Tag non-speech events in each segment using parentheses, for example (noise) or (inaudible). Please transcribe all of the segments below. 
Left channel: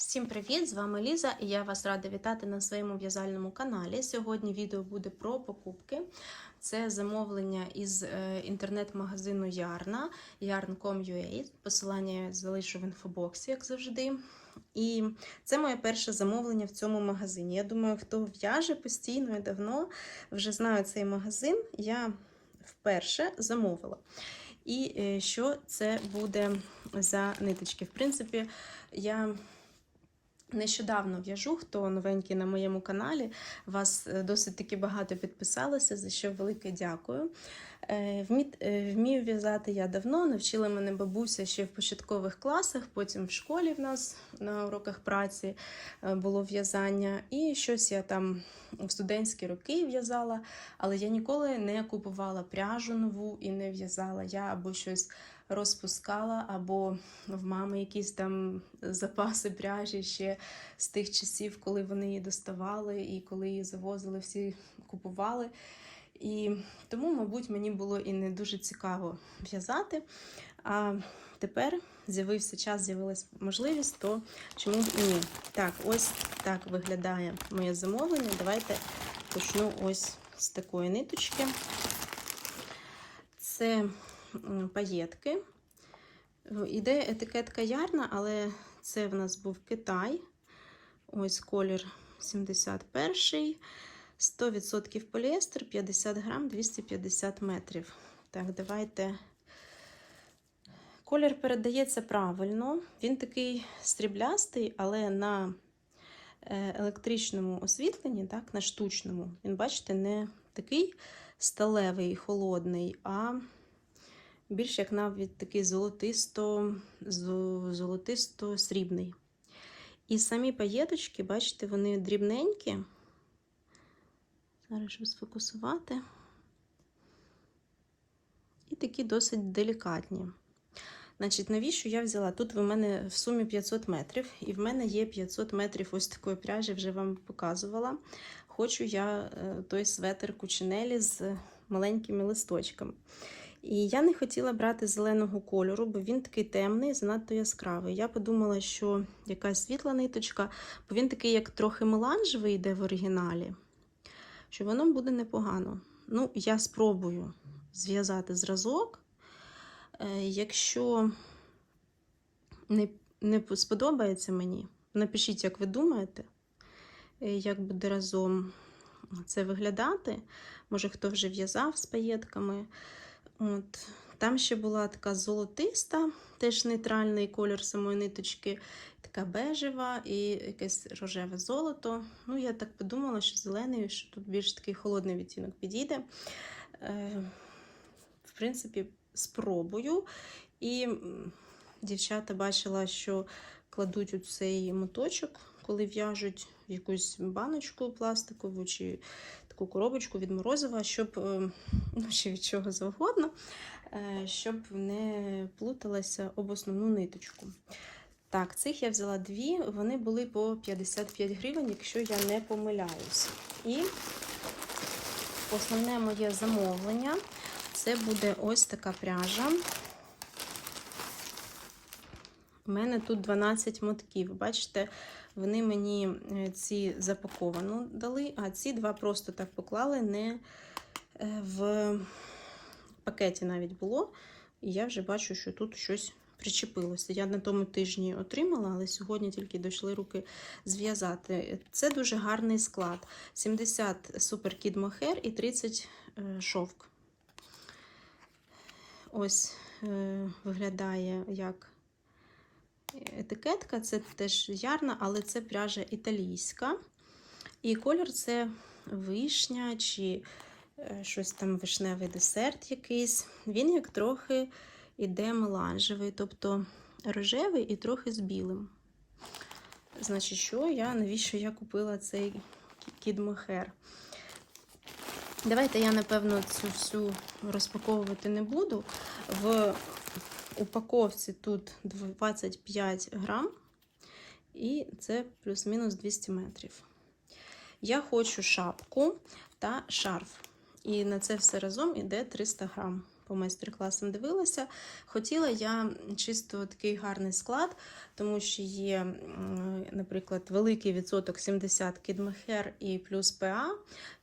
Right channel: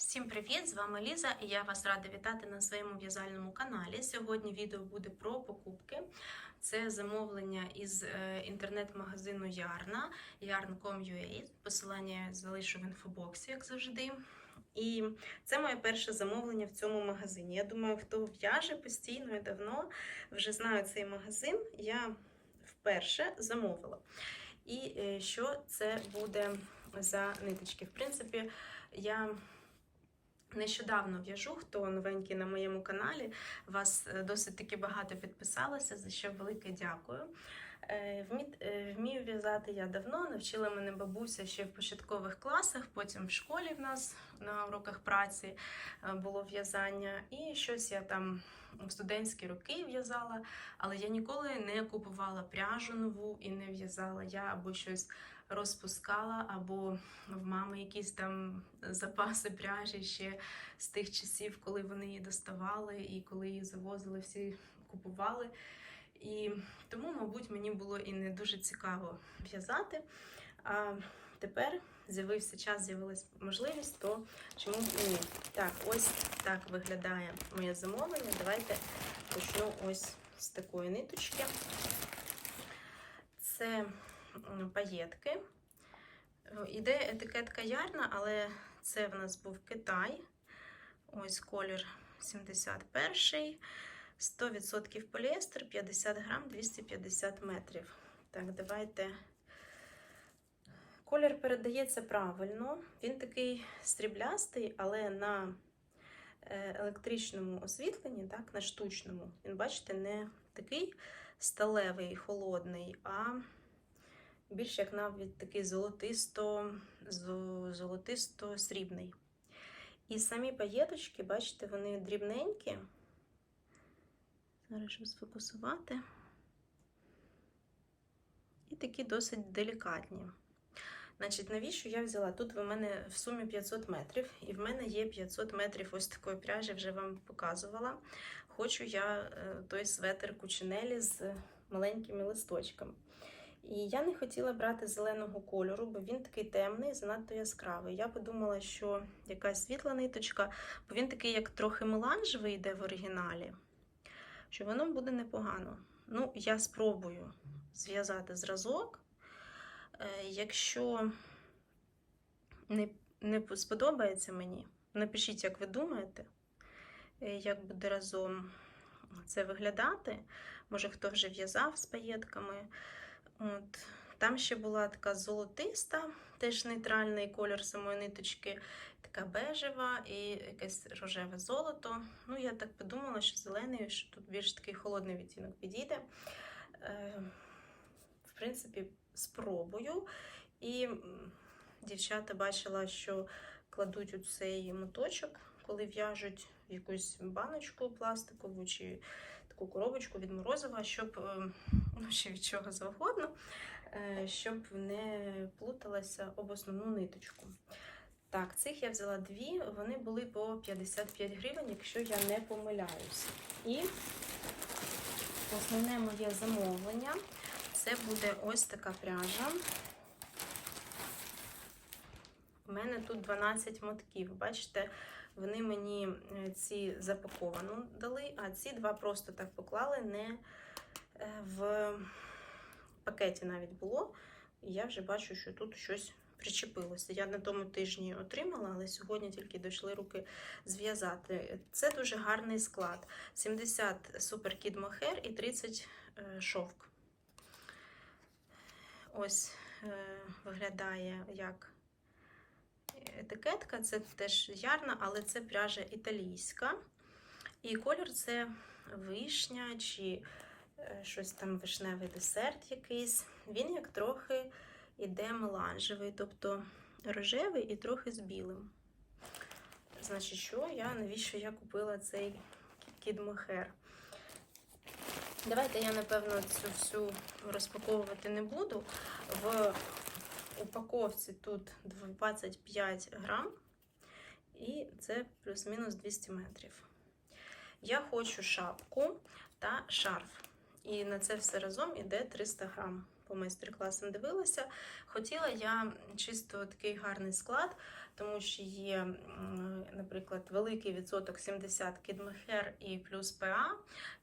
Всім привіт! З вами Ліза і я вас рада вітати на своєму в'язальному каналі. Сьогодні відео буде про покупки. Це замовлення із е, інтернет-магазину Ярна yarn.com.ua. Посилання я залишу в інфобоксі, як завжди. І це моє перше замовлення в цьому магазині. Я думаю, хто в'яже постійно і давно вже знає цей магазин. Я вперше замовила. І е, що це буде за ниточки? В принципі, я Нещодавно в'яжу, хто новенький на моєму каналі. Вас е, досить таки багато підписалося, за що велике дякую. Е, е, Вмію в'язати я давно, навчила мене бабуся ще в початкових класах, потім в школі в нас на уроках праці було в'язання. І щось я там в студентські роки в'язала, але я ніколи не купувала пряжу нову і не в'язала. Я або щось розпускала, або в мами якісь там запаси пряжі ще з тих часів, коли вони її доставали і коли її завозили, всі купували. І тому, мабуть, мені було і не дуже цікаво в'язати. А тепер з'явився час, з'явилася можливість, то чому б ні? Так, ось так виглядає моє замовлення. Давайте почну ось з такої ниточки. Це паєтки. Іде етикетка ярна, але це в нас був Китай. Ось колір 71, 100% поліестер, 50 грам, 250 метрів. Так, давайте. Колір передається правильно. Він такий стріблястий, але на е, електричному освітленні, так, на штучному, він, бачите, не такий сталевий, холодний, а більш як навіть такий золотисто, золотисто-срібний. І самі паєточки, бачите, вони дрібненькі. Зараз щоб сфокусувати. І такі досить делікатні. Значить, навіщо я взяла? Тут в мене в сумі 500 метрів, і в мене є 500 метрів ось такої пряжі, вже вам показувала. Хочу я е, той светр кучинелі з маленькими листочками. І я не хотіла брати зеленого кольору, бо він такий темний, занадто яскравий. Я подумала, що якась світла ниточка, бо він такий, як трохи меланжевий йде в оригіналі, що воно буде непогано. Ну, я спробую зв'язати зразок. Е, Якщо не, не сподобається мені, напишіть, як ви думаєте, е, як буде разом це виглядати. Може, хто вже в'язав з паєтками. От. Там ще була така золотиста, теж нейтральний колір самої ниточки, така бежева і якесь рожеве золото. Ну, я так подумала, що зелений, що тут більш такий холодний відтінок підійде. Е, в принципі, спробую. І дівчата бачила, що кладуть у цей моточок, коли в'яжуть якусь баночку пластикову чи таку коробочку від морозива, щоб е, ну, чи від чого завгодно, е, щоб не плуталася об основну ниточку. Так, цих я взяла дві, вони були по 55 гривень, якщо я не помиляюся. І основне моє замовлення це буде ось така пряжа. У мене тут 12 мотків. Бачите, вони мені е, ці запаковану дали, а ці два просто так поклали, не е, в пакеті навіть було. І я вже бачу, що тут щось причепилося. Я на тому тижні отримала, але сьогодні тільки дійшли руки зв'язати. Це дуже гарний склад: 70 супер кід мохер і 30 е, шовк. Ось виглядає як етикетка, це теж ярна, але це пряжа італійська. І колір це вишня чи е, щось там вишневий десерт якийсь. Він як трохи іде меланжевий, тобто рожевий і трохи з білим. Значить, що я, навіщо я купила цей кідмохер? Давайте я, напевно, цю всю розпаковувати не буду. В упаковці тут 25 грам, і це плюс-мінус 200 метрів. Я хочу шапку та шарф. І на це все разом іде 300 грам. По майстер-класам дивилася. Хотіла я чисто такий гарний склад, тому що є наприклад, великий відсоток 70 кідмехер і плюс ПА,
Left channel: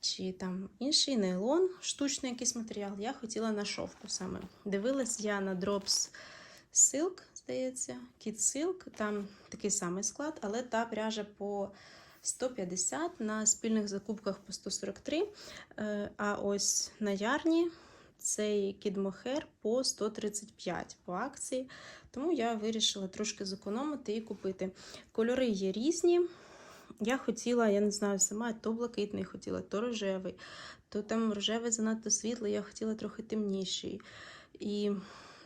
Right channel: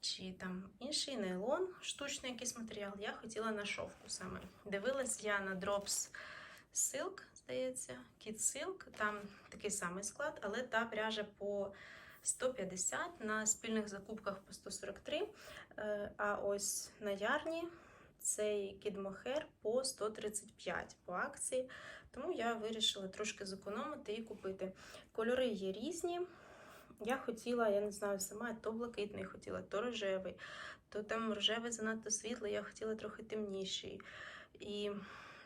чи там інший нейлон, штучний якийсь матеріал, я хотіла на шовку саме. Дивилась я на Drops Silk, здається, Kid Silk, там такий самий склад, але та пряжа по 150 на спільних закупках по 143. Е, А ось на ярні цей кідмохер по 135 по акції. Тому я вирішила трошки зекономити і купити. Кольори є різні. Я хотіла, я не знаю, сама то блакитний хотіла, то рожевий, то там рожевий занадто світлий, я хотіла трохи темніший. І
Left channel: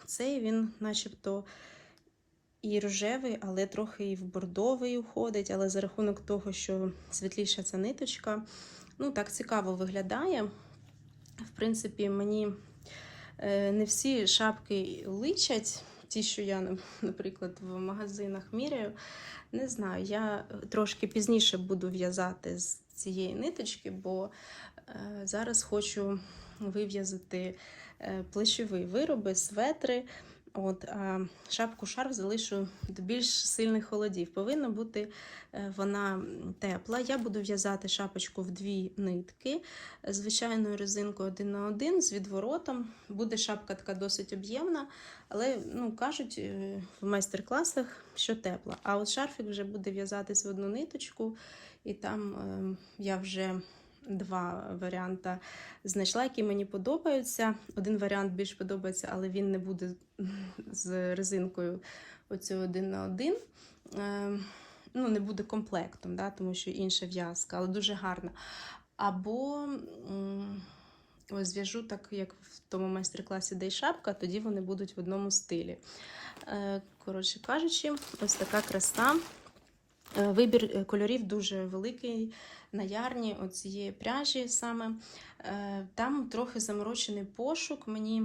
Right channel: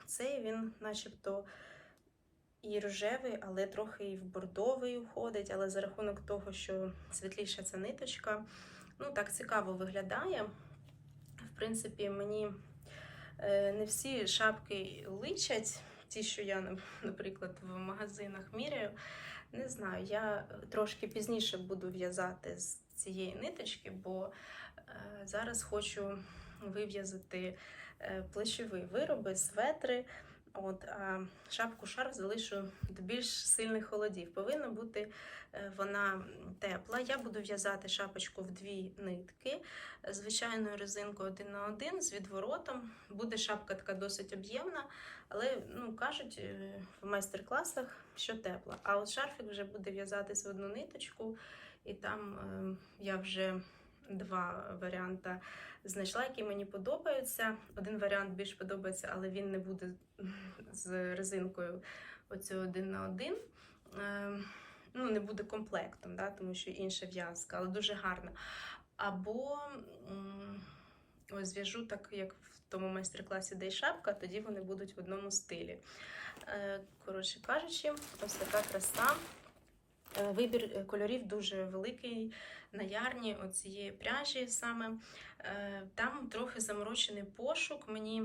цей він, начебто, і рожевий, але трохи і в бордовий уходить. Але за рахунок того, що світліша ця ниточка, ну так цікаво виглядає. В принципі, мені е, не всі шапки личать, ті, що я, наприклад, в магазинах міряю. Не знаю, я трошки пізніше буду в'язати з цієї ниточки, бо е, зараз хочу вив'язати е, плечові вироби, светри. От, а шапку шарф залишу до більш сильних холодів. Повинна бути е, вона тепла. Я буду в'язати шапочку в дві нитки, звичайною резинкою один на один з відворотом. Буде шапка така досить об'ємна, але ну, кажуть е, в майстер-класах, що тепла. А от шарфік вже буде в'язатись в одну ниточку, і там е, я вже два варіанти знайшла, які мені подобаються. Один варіант більш подобається, але він не буде з резинкою оцю один на один. Е, Ну, не буде комплектом, да, тому що інша в'язка, але дуже гарна. Або ось зв'яжу так, як в тому майстер-класі де шапка, тоді вони будуть в одному стилі. Е, Коротше кажучи, ось така краса. Е, Вибір е, кольорів дуже великий на ярні оцієї пряжі саме. Е, Там трохи заморочений пошук. Мені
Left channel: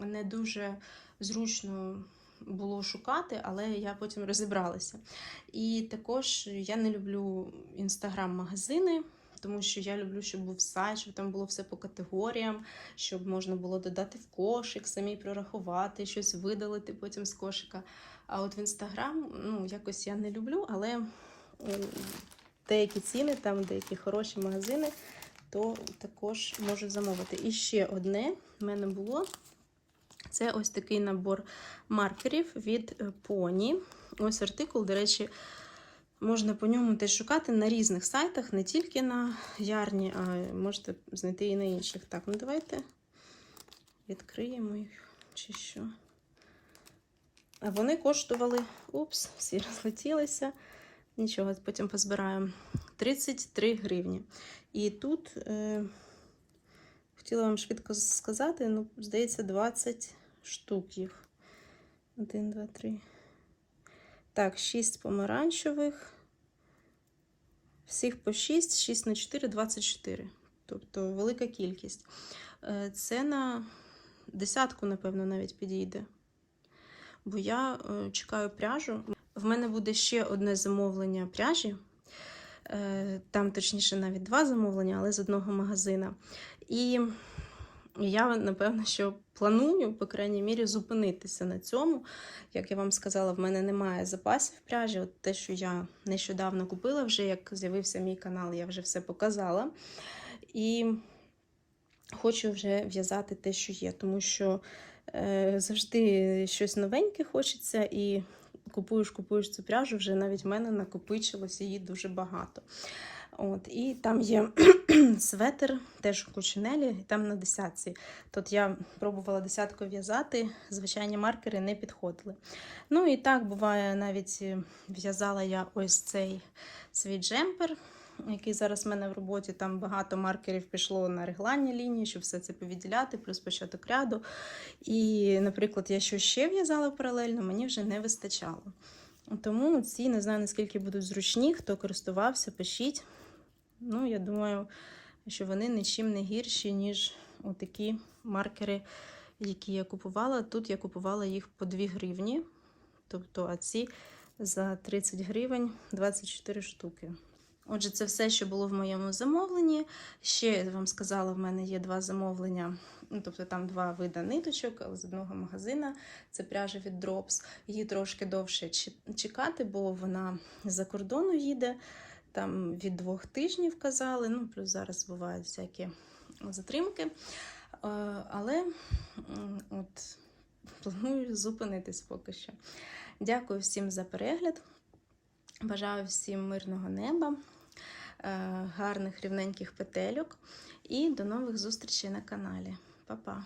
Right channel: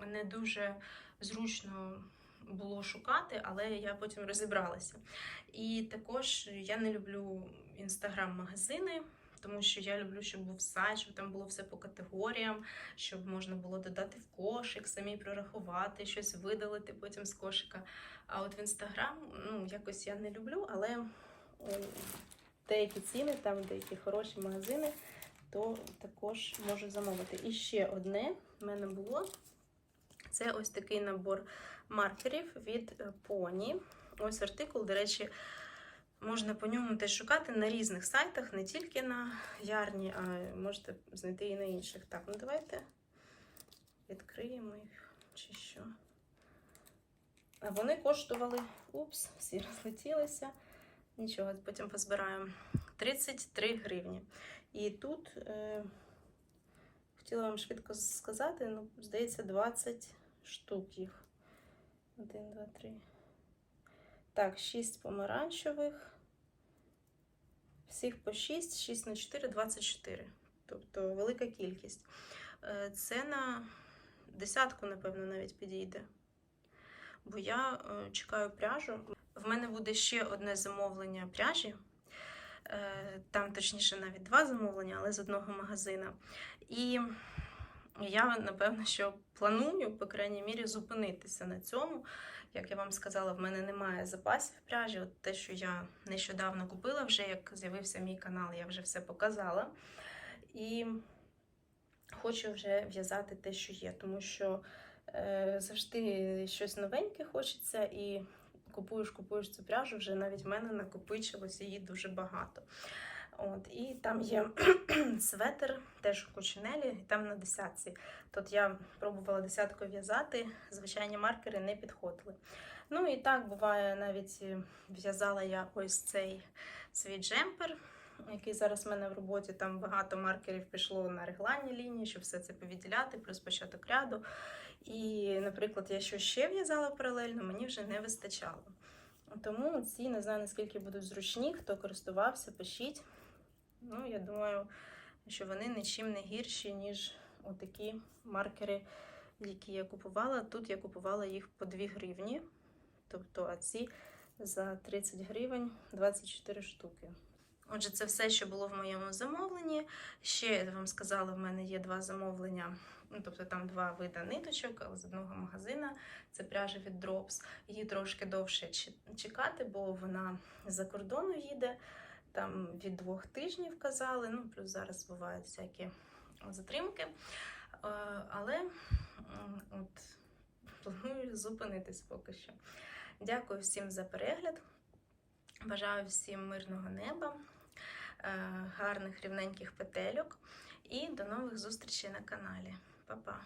не дуже зручно було шукати, але я потім розібралася. І також я не люблю інстаграм-магазини. Тому що я люблю, щоб був сайт, щоб там було все по категоріям, щоб можна було додати в кошик, самі прорахувати, щось видалити потім з кошика. А от в інстаграм, ну, якось я не люблю, але деякі ціни, там деякі хороші магазини, то також можу замовити. І ще одне в мене було. Це ось такий набор маркерів від е, Pony. Ось артикул, до речі, можна по ньому теж шукати на різних сайтах, не тільки на ярні, а можете знайти і на інших. Так, ну давайте відкриємо їх чи що. А вони коштували, упс, всі розлетілися. Нічого, потім позбираємо. 33 гривні. І тут е, хотіла вам швидко сказати, ну, здається, 20 штук їх. 1, 2, 3. Так, 6 помаранчевих. Всіх по 6, 6 на 4, 24. Тобто велика кількість. Е, Це на десятку, напевно, навіть підійде. Бо я е, чекаю пряжу. В мене буде ще одне замовлення пряжі. Е, Там, точніше, навіть два замовлення, але з одного магазина. І я, напевно, що планую, по крайній мірі, зупинитися на цьому. Як я вам сказала, в мене немає запасів пряжі. От те, що я нещодавно купила, вже як з'явився мій канал, я вже все показала. І хочу вже в'язати те, що є, тому що е, завжди щось новеньке хочеться, і купуєш, купуєш цю пряжу, вже навіть в мене накопичилось її дуже багато. От, І там є (clears throat) светр, теж у кучинелі, там на десятці. Тут я пробувала десятку в'язати, звичайні маркери не підходили. Ну і так буває, навіть е, в'язала я ось цей свій джемпер, який зараз в мене в роботі. Там багато маркерів пішло на регланні лінії, щоб все це повідділяти, плюс початок ряду. І, наприклад, я що ще в'язала паралельно, мені вже не вистачало. Тому ці не знаю наскільки будуть зручні, хто користувався, пишіть. Ну, я думаю, що вони нічим не гірші, ніж отакі маркери, які я купувала. Тут я купувала їх по 2 гривні. Тобто, а ці за 30 гривень 24 штуки. Отже, це все, що було в моєму замовленні. Ще я вам сказала, в мене є два замовлення. Ну, тобто там два вида ниточок але з одного магазина. Це пряжа від Drops. Її трошки довше чекати, бо вона з-за кордону їде. Там від двох тижнів казали. Ну, плюс зараз бувають всякі затримки. Е, Але от планую зупинитись поки що. Дякую всім за перегляд. Бажаю всім мирного неба, е, гарних рівненьких петельок і до нових зустрічей на каналі. Па-па!